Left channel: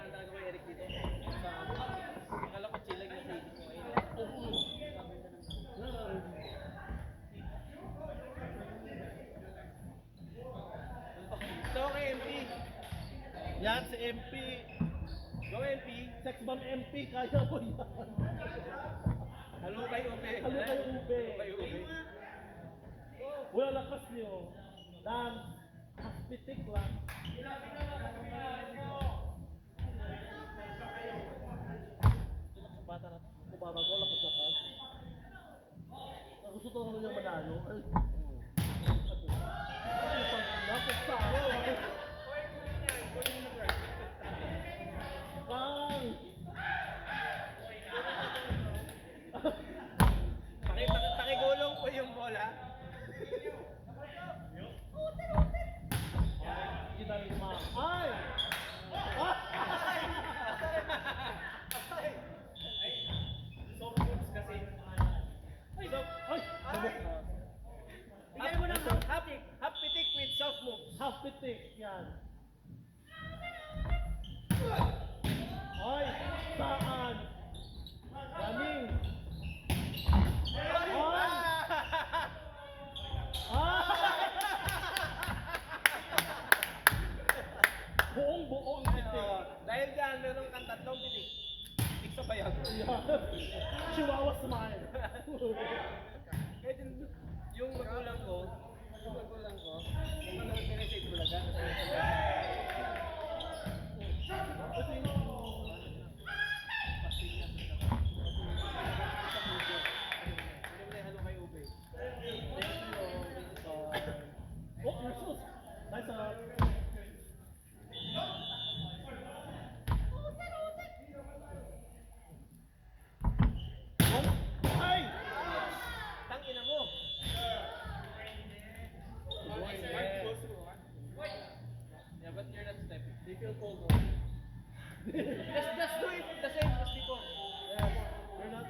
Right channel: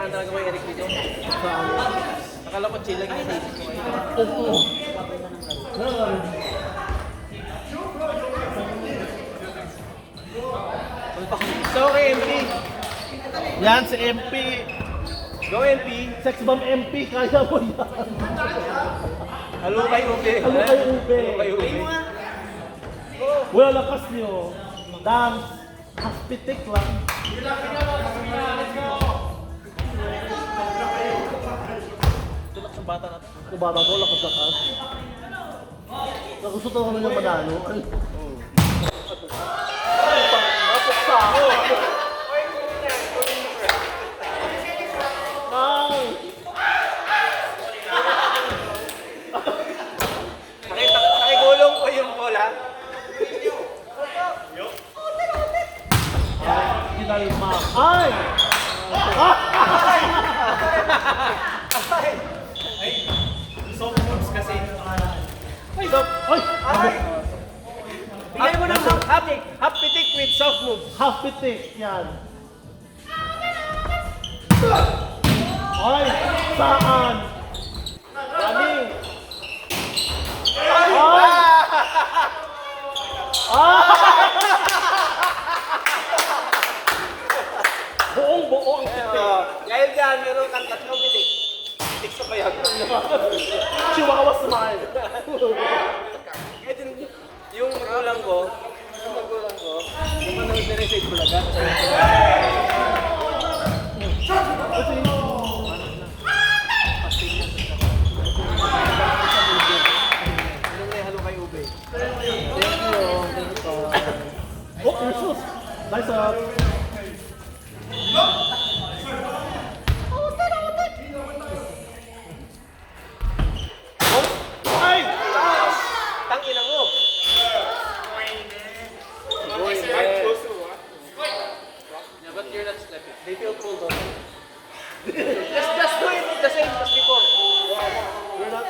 unahan talaga kay Eric dito. Akala ko chill lang yung naisip ko kayo. Oo. So, kay MP. Yan si MP. Go MP. Sex bomb MP, kaya mo yan. Halo kay Ube. Halo kay Ube. Halo kay Ube. Wala lakas niyo. Dance. Haspitik lang. Tulak sa bata natin. Kung bata ko, lakas-lakas. Nagusto ko naman yung manalo. Napuksa ako. Ay! Nakigulong ko yung bola. Kinalma. Ay! Ah! Soft moves kasi. Ay! Ay! Bigyan mo ng half pitik with soft moves. Half pitik. Yan. Ay! Saan? Dami! Ay! Ah! Buong-buo ang pitik. Dahil dyan, meron kang tatlong pitik. Pitik sa kaya. Chihuahua smile. Yung magulang ko, yung manood na rin sa Itbulaga. Ano na halo kay Ube? Thank you. Oh, Jesus! Nice up! Ay! Tangina mo! Yeah, but you're not stepping. They feel cool though. Just do it the same as before. We're not...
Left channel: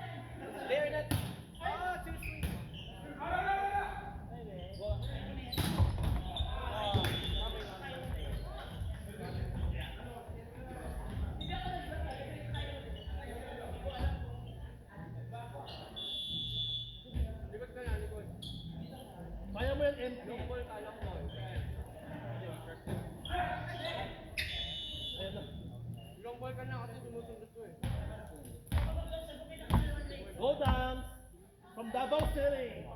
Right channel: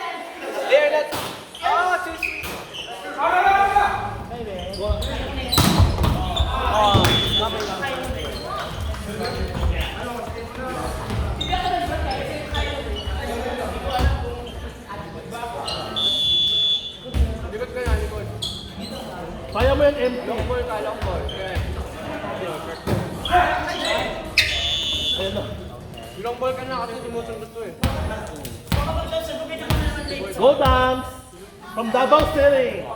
They're not. Oh, sweet. Likod ka na, likod. Kaya mo yan, MP. Long ball ka, long ball. Okay. Ayan na. Long ball ka na kasi sumusunod to eh. Go dance! From Davao City!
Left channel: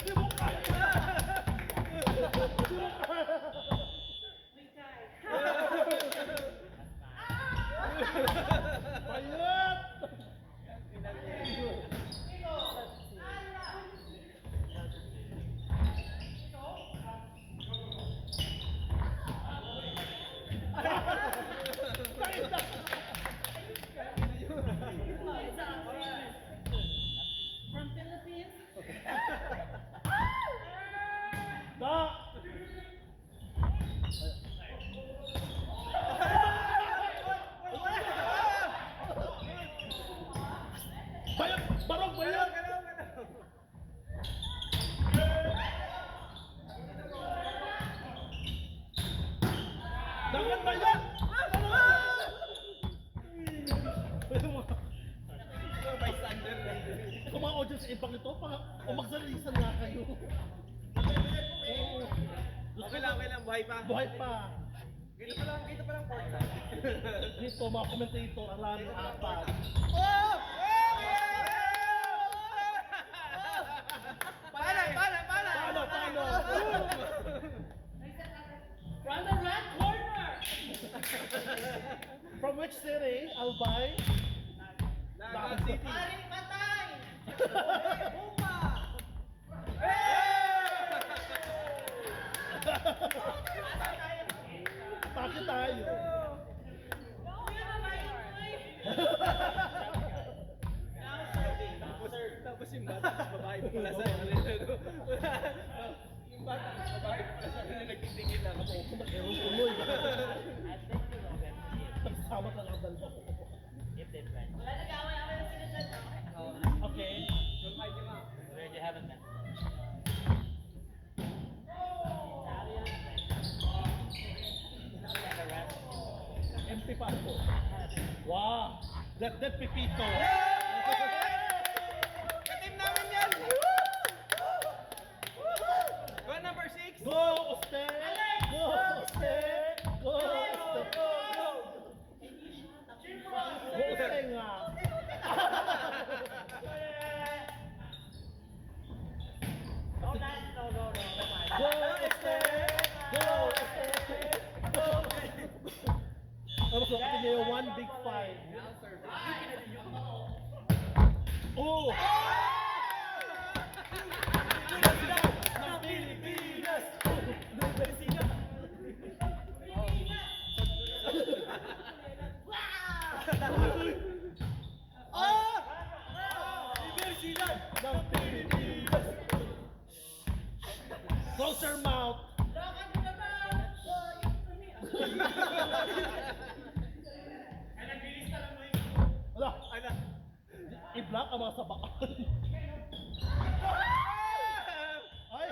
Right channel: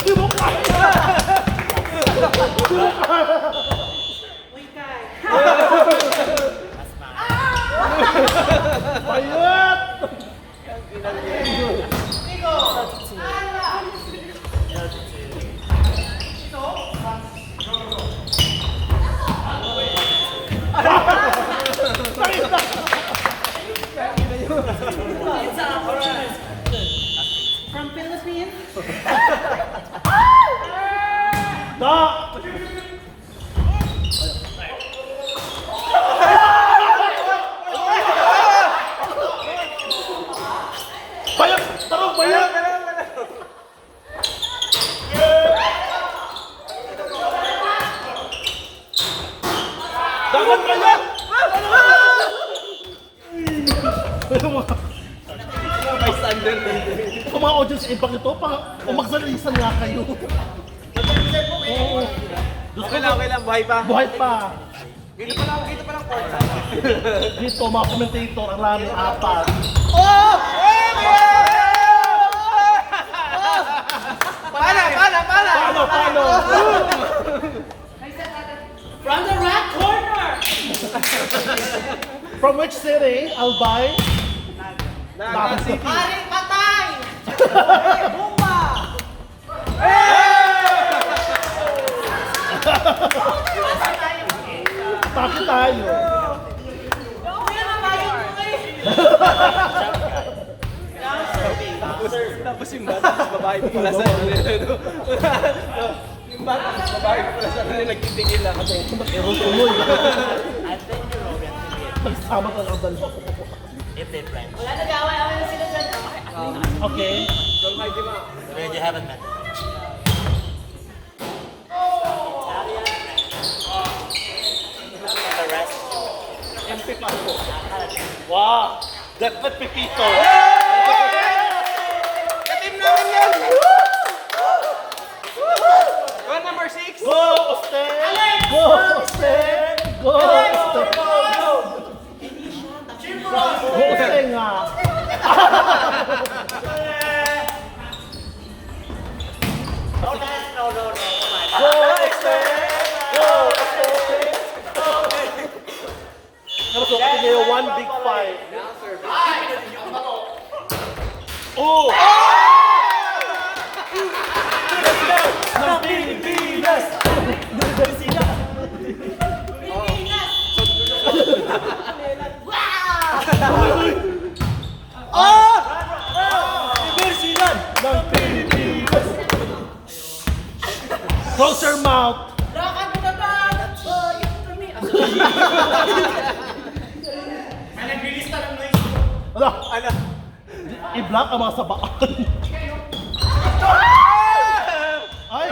Di mo kaya! Payat! From Philippines? Da! Bayat! Parang bayat! Dapat bayat! May standard na Kung mga audience impact ito, umagsalisan nga kayo. Oo. Okay lang, buhay pa. Buhay pa. Dito pa lang court. Dito, mga commentator, ang laming apat. Oh! Pana! Paano? From the red corner! From which city, Albay? Naga City. Aring patay! Bumba! Bakit tayo? Kuya na tayo mo eh! Tapos yung bata, babae pa pala sa kanila. Yung bata, babae pa pala sa kanila, nagtitigil lang kasi. Meron tuloy. Nagsama ka ng dalawa. Wala nag-away-away na sila dyan. Okay. Already haven't met. The rest. MP5 po. Wow! Definite Pepito. Katim namin yan! One number 6! Go, Oste! Go, Oste! Go, Oste! Go, Oste nga! Go, Oste! Go, Oste! Ano so, kasi ngayon, one big five. Oh! Ng Pilipinas! Universidad! Ng Pilipinas! Close your mouth! Lakad mo na ba? Ano? I-block ang mga sabaan. Ay!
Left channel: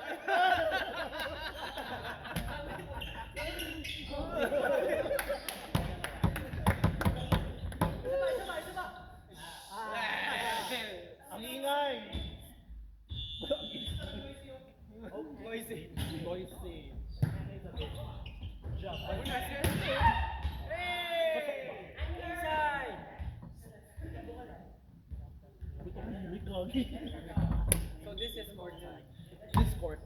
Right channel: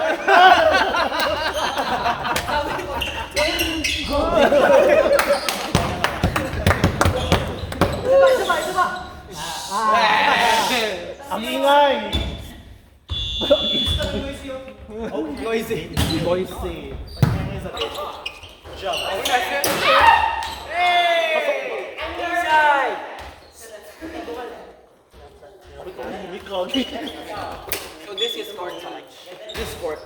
Ang ingay! Noisy. Noisy. So this is court time. This court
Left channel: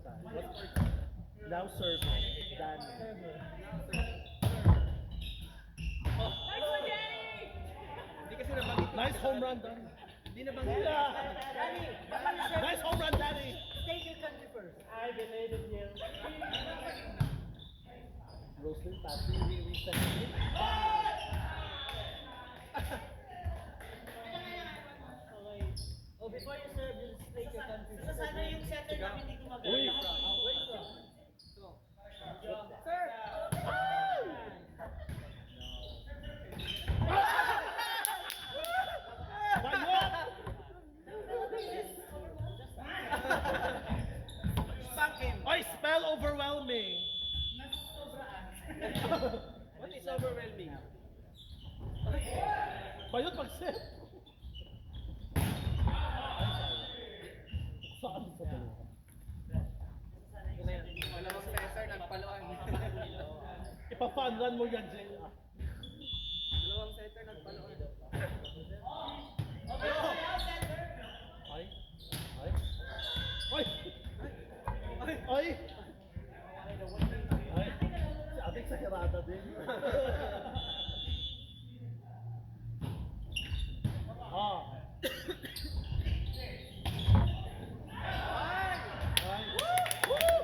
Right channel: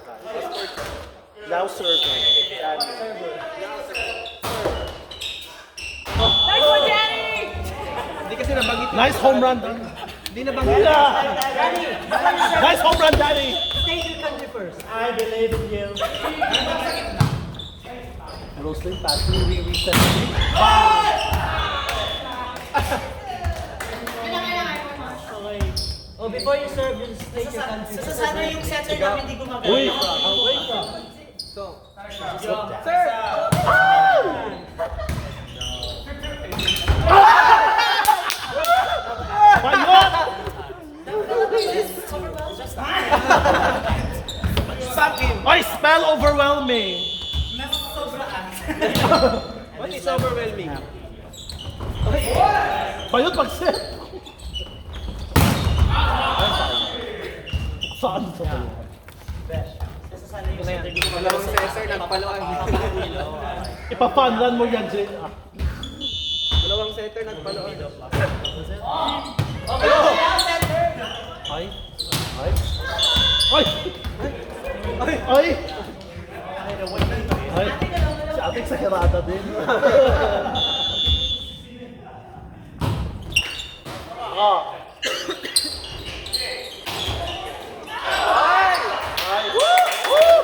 now serving. Nice one, Danny! Hindi kasi nabanggit. Nice home run. Hindi nabanggit. Nice home run, Daddy. State your country first. I believe in you. Rosling passing, re-reset. Oh, before you serve, you state your country first. Sana yung setter namin hindi gumagana. Uy! Away from. So, Sir! Bayot! stop him. Ay, spell overwhelming. What is overwhelming? Bayot pag-set. Saan sa bayot? Dalawang Cesar nagpaluan. Ipa-fun run mo yan, Jay. Dalawang setter nagpaluan. Ay. Ay. Ay. Ay. Ay. Si ate exagerada din. Ah.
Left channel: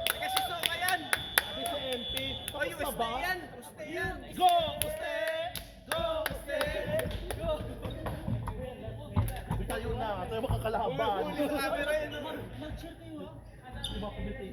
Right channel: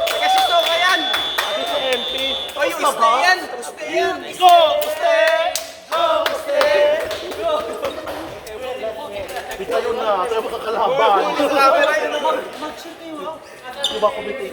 Teka si Soka yan! Ate si MP. Oy, uste yan! Uste yan! Go! Uste! Go! Uste! Di kayo na. Tayo makakalaban. Camera yun naman. Di ba kumiti